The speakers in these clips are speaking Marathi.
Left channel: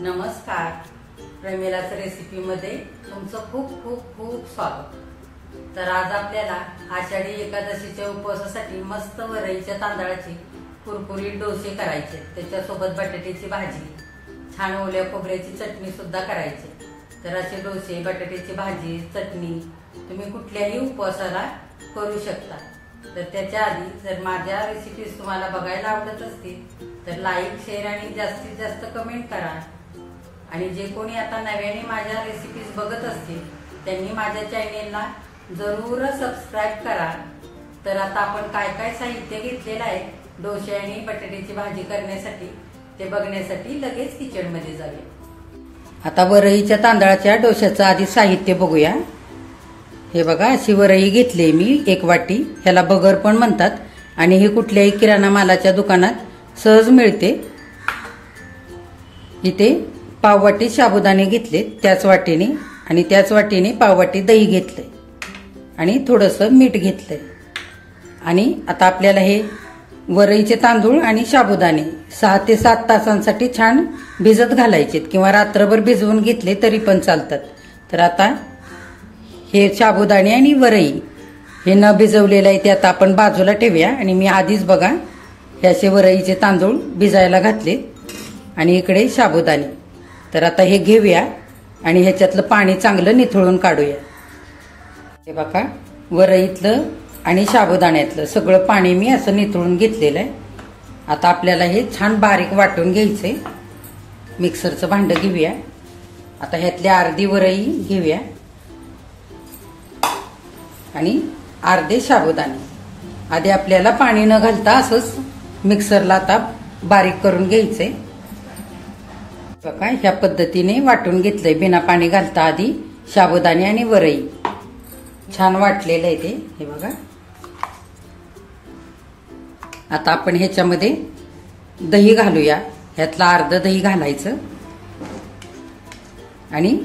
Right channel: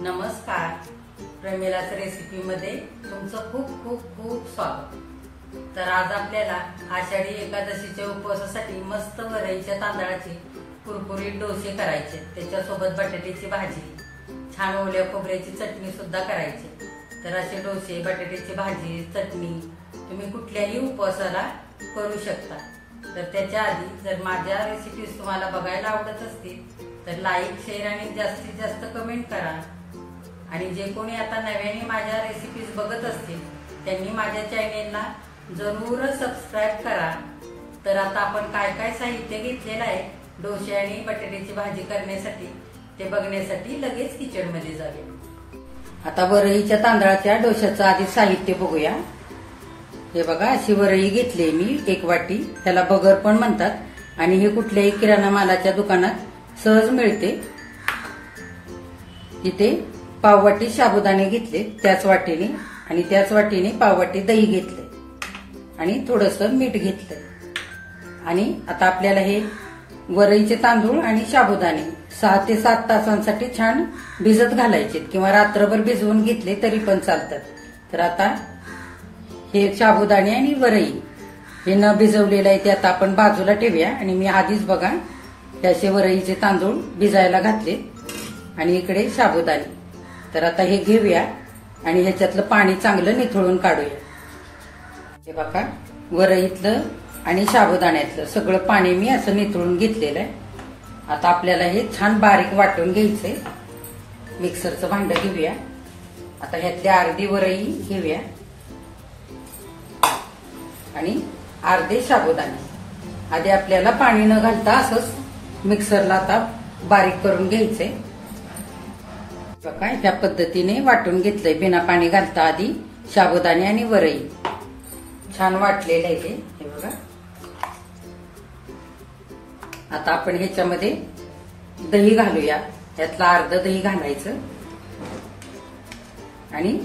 नमस्कार, प्रमिलाच्या रेसिपीमध्ये तुमचं खूप खूप खूप स्वागत। तर आज आपल्याला आषाढी एकादशीच्या उपवासासाठी मस्त वरईच्या तांदळाचे कुरकुरीत डोसे करायचे। त्याच्यासोबत बटाट्याची भाजी, छान ओल्या खोबऱ्याची चटणी सुद्धा करायची। तर असे डोसे, बटाट्याची भाजी, चटणी तुम्ही कुठल्याही उपवासाला करू शकता। तर त्याच्या आधी जर माझ्या रेसिपीज तुम्हाला बघायला आवडत असतील तर लाईक, शेअर आणि जास्तीत जास्त कमेंट करा। आणि जे कोणी आता नव्याने माझ्या रेसिपीज बघत असतील त्यांनी माझ्या चॅनेलला जरूर सबस्क्राईब करा। तर आता आपण काय काय साहित्य घेतलेलं आहे डोसे आणि बटाट्याची भाजी करण्यासाठी ते बघण्यासाठी लगेच किचन मध्ये जाऊया। आता वरईच्या तांदळाच्या डोश्याचं आधी साहित्य बघूया। हे बघा, अशी वरई घेतली मी 1 वाटी। ह्याला बगर पण म्हणतात आणि हे कुठल्याही किराणा मालाच्या दुकानात सहज मिळते। इथे पाव वाटी साबुदाणे घेतले त्याच वाटीने, आणि त्याच वाटीने पाव वाटी दही घेतले आणि थोडंसं मीठ घेतलंय। आणि आता आपल्याला हे वरईचे तांदूळ आणि साबुदाणे 6 ते 7 तासांसाठी छान भिजत घालायचे किंवा रात्रभर भिजवून घेतले तरी पण चालतात। तर आता हे साबुदाणे आणि वरई हे न भिजवलेलं आहे ते आता आपण बाजूला ठेवूया। आणि मी आधीच बघा हे असे वरईचे तांदूळ भिजायला घातले आणि इकडे साबुदाणे। तर आता हे घेऊया आणि ह्याच्यातलं पाणी चांगलं निथळून काढूया। हे बघा, वरईतलं आणि साबुदाण्यातलं सगळं पाणी मी असं निथळून घेतलेलं आहे। आता आपल्याला हे छान बारीक वाटून घ्यायचंय। मिक्सरचं भांड घेऊया। आता ह्यातली अर्धी वरई घेऊया आणि अर्धे साबुदाणे। आधी आपल्याला पाणी न घालता असंच मिक्सरला आता बारीक करून घ्यायचंय। बघा, ह्या पद्धतीने वाटून घेतलंय बिना पाणी घालता आधी साबुदाणे आणि वरई। छान वाटलेलं आहे ते, हे बघा। आता आपण ह्याच्यामध्ये दही घालूया। ह्यातलं अर्ध दही घालायचं आणि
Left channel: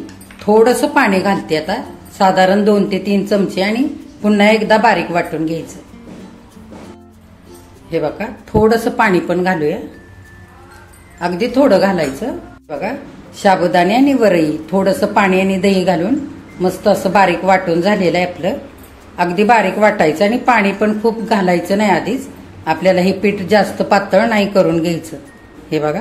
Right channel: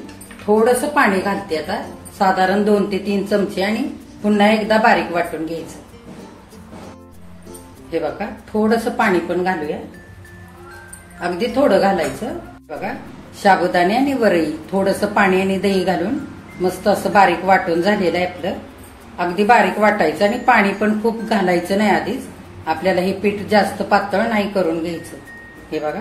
थोडंसं पाणी घालते आता, साधारण 2 ते 3 चमचे, आणि पुन्हा एकदा बारीक वाटून घ्यायचं। हे बघा, थोडंसं पाणी पण घालूया, अगदी थोडं घालायचं। बघा, साबुदाणे आणि वरई थोडंसं पाणी आणि दही घालून मस्त असं बारीक वाटून झालेलं आहे आपलं। अगदी बारीक वाटायचं आणि पाणी पण खूप घालायचं नाही आधीच। आपल्याला हे पीठ जास्त पातळ नाही करून घ्यायचं। हे बघा,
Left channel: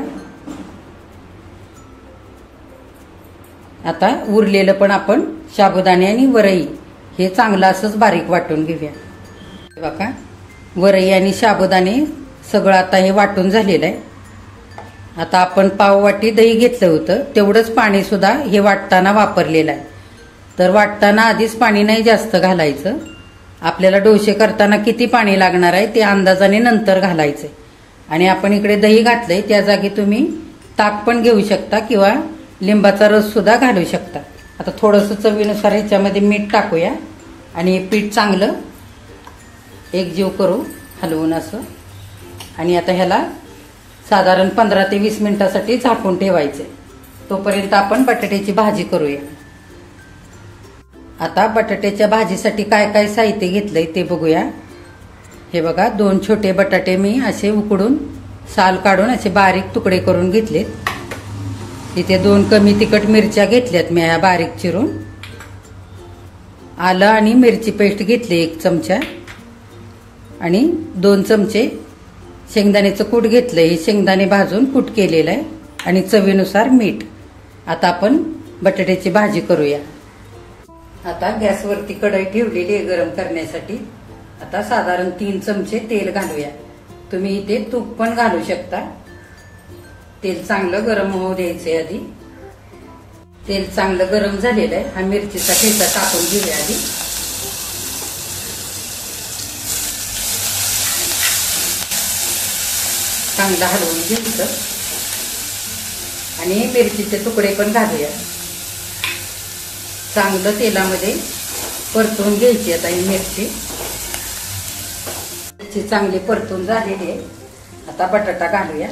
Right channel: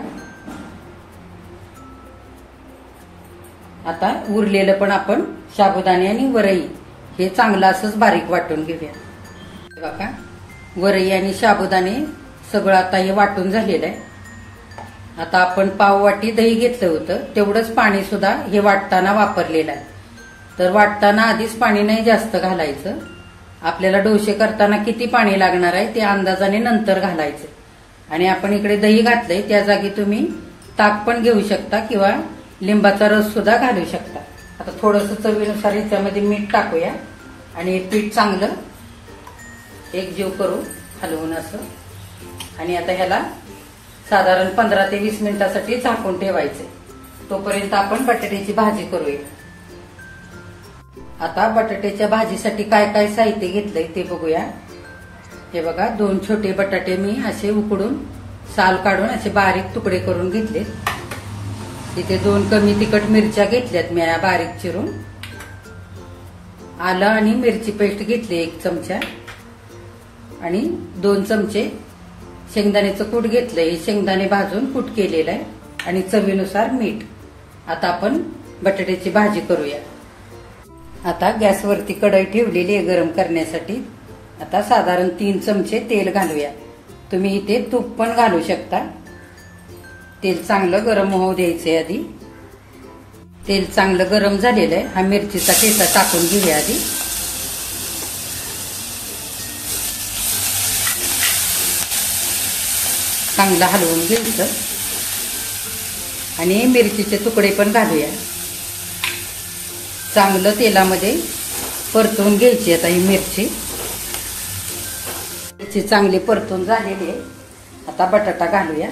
आता उरलेलं पण आपण साबुदाणे आणि वरई हे चांगलं असंच बारीक वाटून घेऊया। हे बघा, वरई आणि साबुदाणे सगळं आता हे वाटून झालेलं आहे। आता आपण पाव वाटी दही घेतलं होतं तेवढंच पाणी सुद्धा हे वाटताना वापरलेलं आहे। तर वाटताना आधीच पाणी नाही जास्त घालायचं। आपल्याला डोसे करताना किती पाणी लागणार आहे ते अंदाजाने नंतर घालायचं। आणि आपण इकडे दही घातलंय, त्या जागी तुम्ही ताक पण घेऊ शकता किंवा लिंबाचा रस सुद्धा घालू शकता। आता थोडंसं चवीनुसार ह्याच्यामध्ये मीठ टाकूया आणि पीठ चांगलं एकजीव करू हलवून असं। आणि आता ह्याला साधारण 15 ते 20 मिनिटांसाठी झाकून ठेवायचे। तोपर्यंत आपण बटाट्याची भाजी करूया। आता बटाट्याच्या भाजीसाठी काय काय साहित्य घेतलंय ते बघूया। हे बघा, 2 छोटे बटाटे मी असे उकडून साल काढून असे बारीक तुकडे करून घेतलेत। इथे 2 कमी तिखट मिरच्या घेतल्यात मी बारीक चिरून। आलं आणि मिरची पेस्ट घेतली 1 चमचा, आणि 2 चमचे शेंगदाण्याचं कूट घेतलंय। हे शेंगदाणे भाजून कूट केलेलं आहे, आणि चवीनुसार मीठ। आता आपण बटाट्याची भाजी करूया। आता गॅसवरती कढई ठेवलेली आहे गरम करण्यासाठी। आता साधारण 3 चमचे तेल घालूया। तुम्ही इथे तूप पण घालू शकता। तेल चांगलं गरम होऊ द्यायचंय आधी। तेल चांगलं गरम झालेलं आहे। हा मिरचीचा ठेचा टाकून घेऊया आधी। चांगलं हलवून घ्यायचं आणि मिरचीचे तुकडे पण घालूया। चांगलं तेलामध्ये परतून घ्यायची आता ही मिरची चांगली परतून झालेली आहे। आता बटाटा घालूया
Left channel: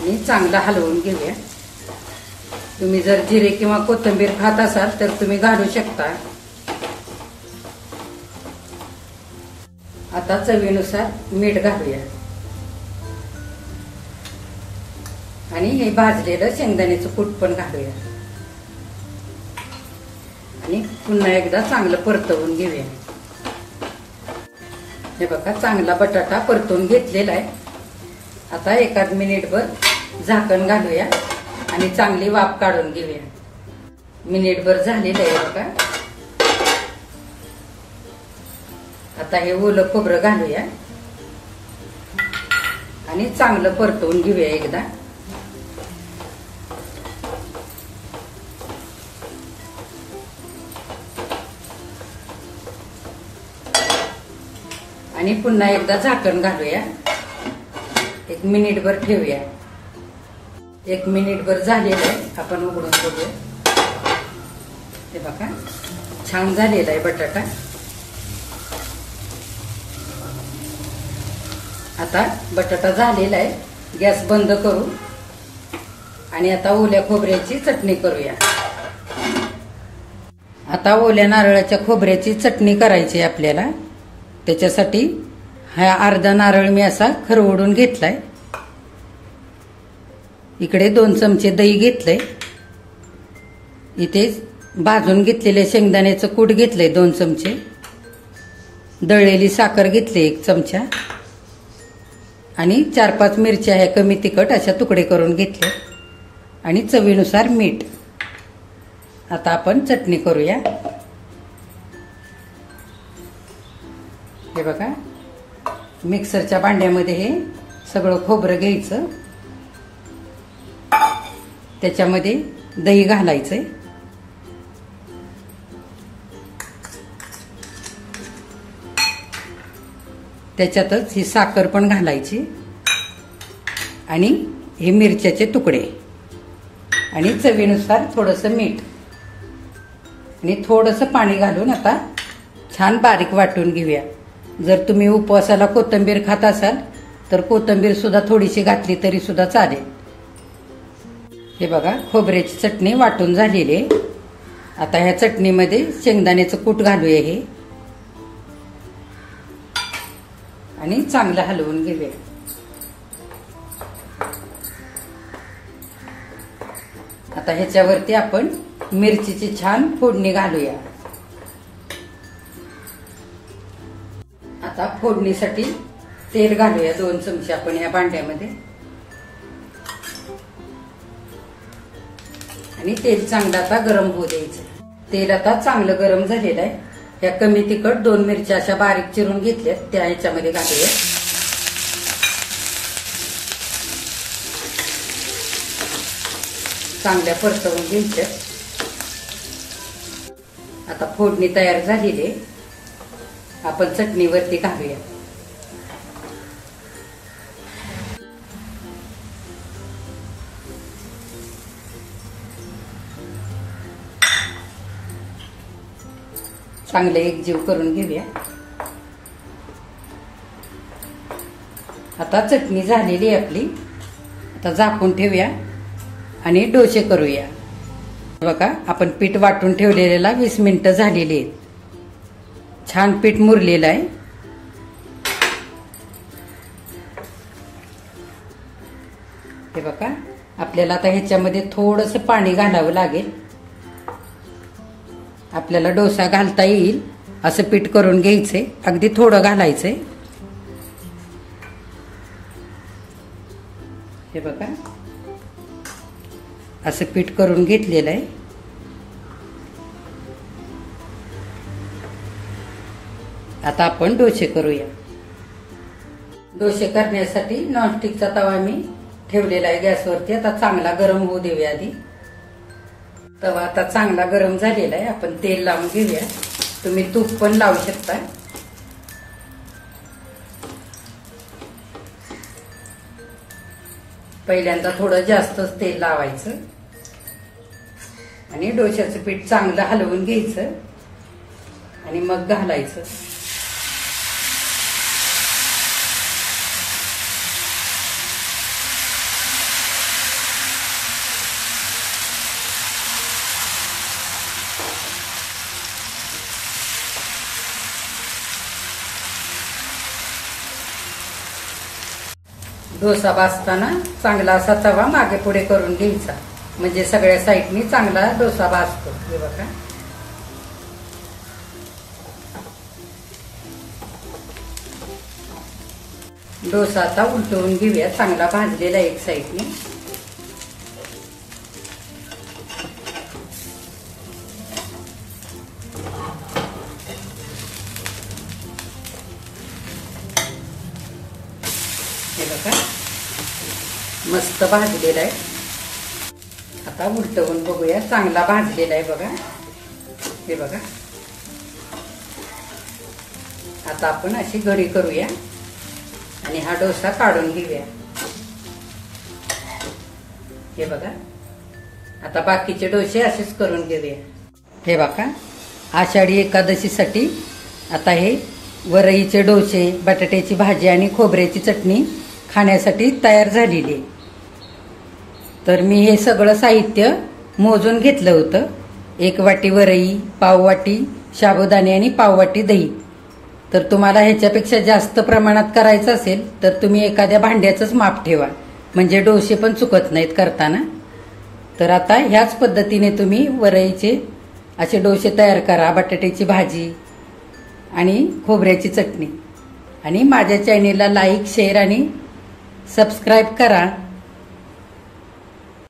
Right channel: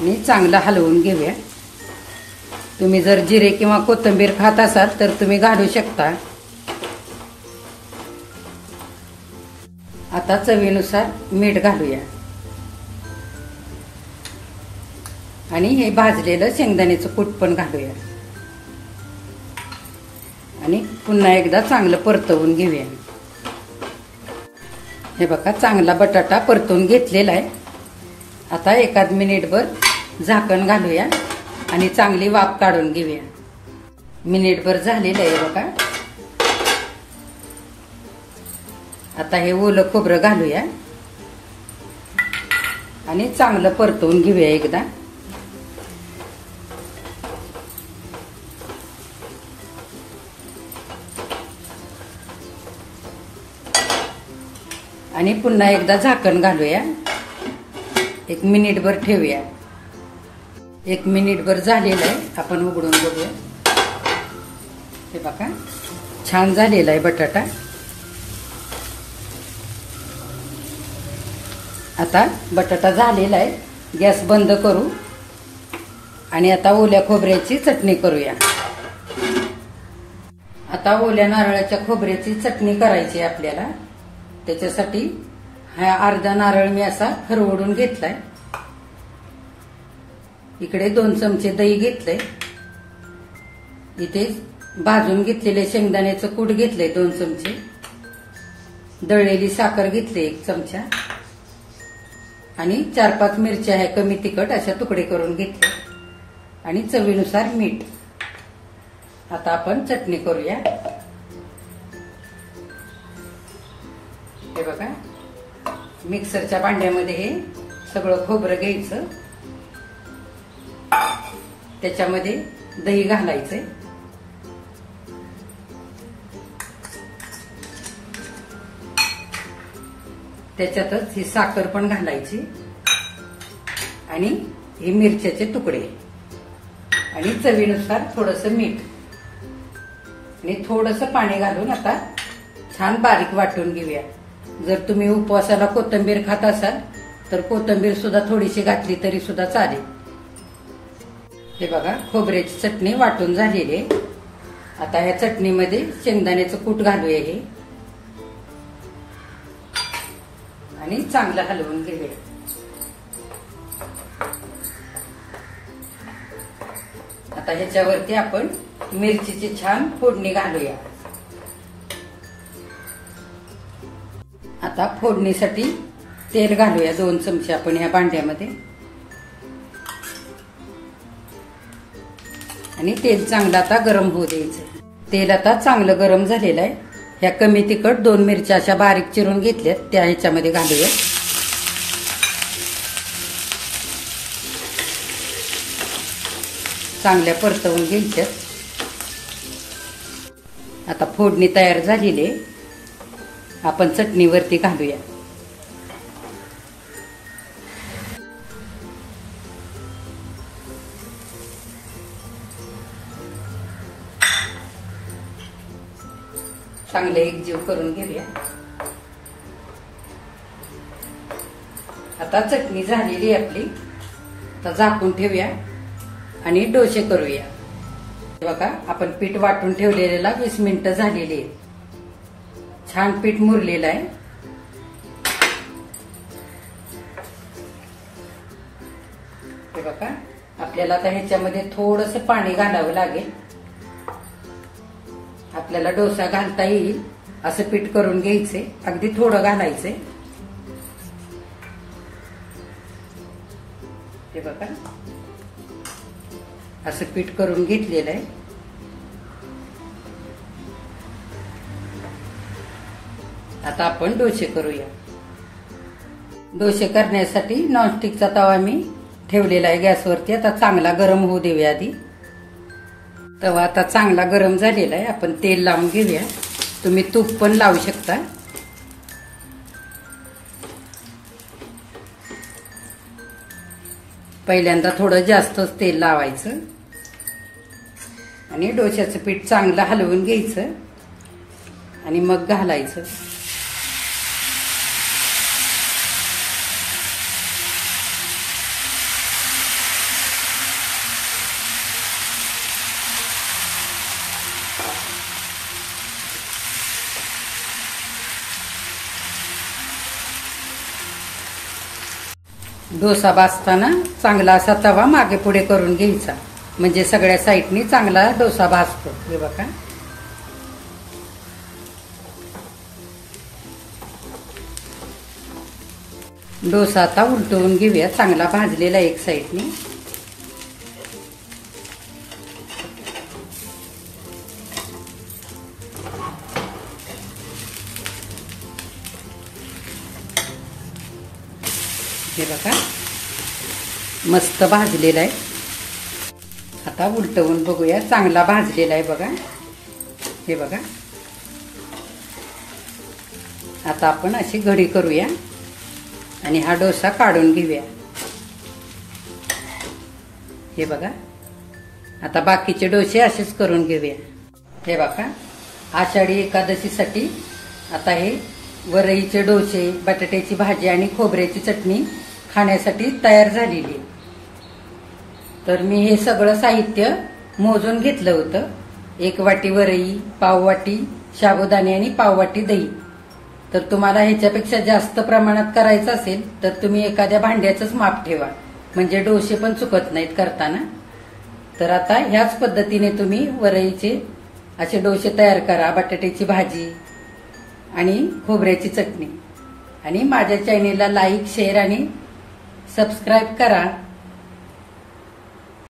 आणि चांगलं हलवून घेऊया। तुम्ही जर जिरे किंवा कोथिंबीर खात असाल तर तुम्ही घालू शकता। आता चवीनुसार मीठ घालूया। आणि हे भाजलेलं शेंगदाण्याचं कूट पण घालूया आणि पुन्हा एकदा चांगलं परतवून घेऊया. हे बघा चांगला बटाटा परतवून घेतलेला आहे. आता एखाद मिनिटभर झाकण घालूया आणि चांगली वाफ काढून घेऊया. मिनिटभर झालेलं आहे बघा. आता हे ओलं खोबरं घालूया आणि चांगलं परतवून घेऊया एकदा. आणि पुन्हा एकदा झाकण घालूया. एक मिनिटभर ठेवूया. एक मिनिटभर झालेलं आहे. आपण उघडून बघूया. हे बघा छान झालेला आहे बटाटा. आता बटाटा झालेला आहे. गॅस बंद करू आणि आता ओल्या खोबऱ्याची चटणी करूया. आता ओल्या नारळाच्या खोबऱ्याची चटणी करायची आहे आपल्याला. त्याच्यासाठी हा अर्धा नारळ मी असा खरवडून घेतलाय. इकडे 2 चमचे दही घेतलंय. इथे भाजून घेतलेले शेंगदाण्याचं कूट घेतलंय 2 चमचे. दळलेली साखर घेतली 1 चमचा आणि 4-5 मिरच्या ह्या कमी तिखट अशा तुकडे करून घेतले आणि चवीनुसार मीठ. आता आपण चटणी करूया. हे बघा मिक्सरच्या भांड्यामध्ये हे सगळं खोबरं घ्यायचं. त्याच्यामध्ये दही घालायचंय. त्याच्यातच ही साखर पण घालायची आणि हे मिरच्याचे तुकडे आणि चवीनुसार थोडंसं मीठ आणि थोडंसं पाणी घालून आता छान बारीक वाटून घेऊया. जर तुम्ही उपवासाला कोथिंबीर खात असाल तर कोथिंबीर सुद्धा थोडीशी घातली तरी सुद्धा चालेल. हे बघा खोबऱ्याची चटणी वाटून झालेली आहे. आता ह्या चटणीमध्ये शेंगदाण्याचं कूट घालूया हे आणि चांगलं हलवून घेऊया. आता ह्याच्यावरती आपण मिरचीची छान फोडणी घालूया. आता फोडणीसाठी तेल घालूया 2 चमचे आपण ह्या भांड्यामध्ये आणि तेल चांगलं आता गरम होऊ द्यायचं. तेल आता चांगलं गरम झालेलं आहे. ह्या कमी तिखट 2 मिरच्या अशा बारीक चिरून घेतल्यात त्या ह्याच्यामध्ये घालूया. चांगल्या परतवून घ्यायच्या. आता फोडणी तयार झालेली आहे. आपण चटणीवरती घालूया. चांगले एकजीव करून घेऊया. आता चटणी झालेली आपली. आता झाकून ठेवूया आणि डोसे करूया. बघा आपण पीठ वाटून ठेवलेला 20 मिनिटं झालेली आहेत. छान पीठ मुरलेलं आहे. हे बघा आपल्याला आता ह्याच्यामध्ये थोडंसं पाणी घालावं लागेल. आपल्याला डोसा घालता येईल असं पीठ करून घ्यायचंय. अगदी थोडं घालायचंय. हे बघा असं पीठ करून घेतलेलं आहे. आता आपण डोसे करूया. डोसे करण्यासाठी नॉनस्टिकचा तवा मी ठेवलेला आहे गॅसवरती. आता चांगला गरम होऊ देऊया आधी. तवा आता चांगला गरम झालेला आहे. आपण तेल लावून घेऊया. तुम्ही तूप पण लावू शकता. पहिल्यांदा थोडं जास्तच तेल लावायचं आणि डोश्याचं पीठ चांगलं हलवून घ्यायचं आणि मग घालायचं. डोसा भाजताना चांगला असा तवा मागे पुढे करून घ्यायचा, म्हणजे सगळ्या साईडनी चांगला डोसा भाजतो. हे बघा. डोसा आता उलटवून घेऊया, चांगला भाजलेला एक साईडनी. हे बघा मस्त भाजलेला आहे. आता उलटवून बघूया, चांगला भाजलेला आहे बघा. हे बघा. आता आपण अशी घडी करूया आणि हा डोसा काढून घेऊया. हे बघा. आता बाकीचे डोसे असेच करून घेऊया. हे बघा आषाढी एकादशीसाठी आता हे वरईचे डोसे, बटाट्याची भाजी आणि खोबऱ्याची चटणी खाण्यासाठी तयार झालेली आहे. तर मी हे सगळं साहित्य मोजून घेतलं होतं. 1 वाटी वरई, पाव वाटी साबुदाणे आणि पाव वाटी दही. तर तुम्हाला ह्याच्यापेक्षा जास्त प्रमाणात करायचं असेल तर तुम्ही एखाद्या भांड्याचंच माप ठेवा, म्हणजे डोसे पण चुकत नाहीत करताना. तर आता ह्याच पद्धतीने तुम्ही वरईचे असे डोसे तयार करा, बटाट्याची भाजी आणि खोबऱ्याची चटणी. आणि माझ्या चॅनेलला लाईक, शेअर आणि सबस्क्राईब करा.